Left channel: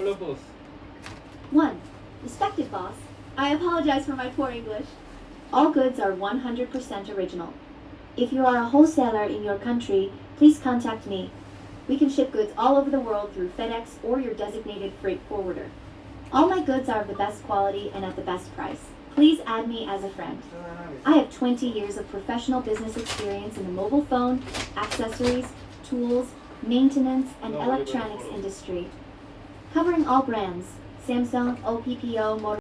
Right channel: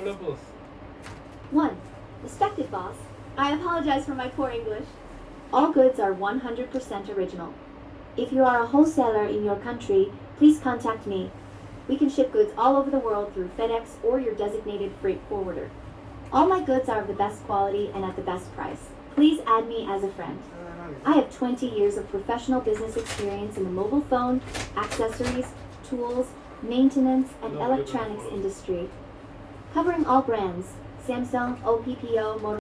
Hello, boss. 1. Respected boss, I apologize for my poor English. All goods are 100% original. If you are a wholesaler in your country, please contact me. We can ship goods all over the world through FedEx or your designated freight forwarder. All my goods are of the best quality and at the best price. Please add me as a friend. I have 20 years of professional business experience in the mobile phone, accessories, tools, maintenance, and electronics industry, covering all brands: Samsung, OPPO, Motorola.